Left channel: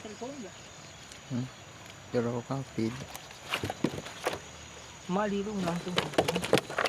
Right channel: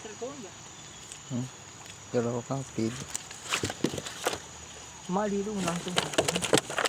telepon ba? Pero kapit. Malilong lang itong telepon.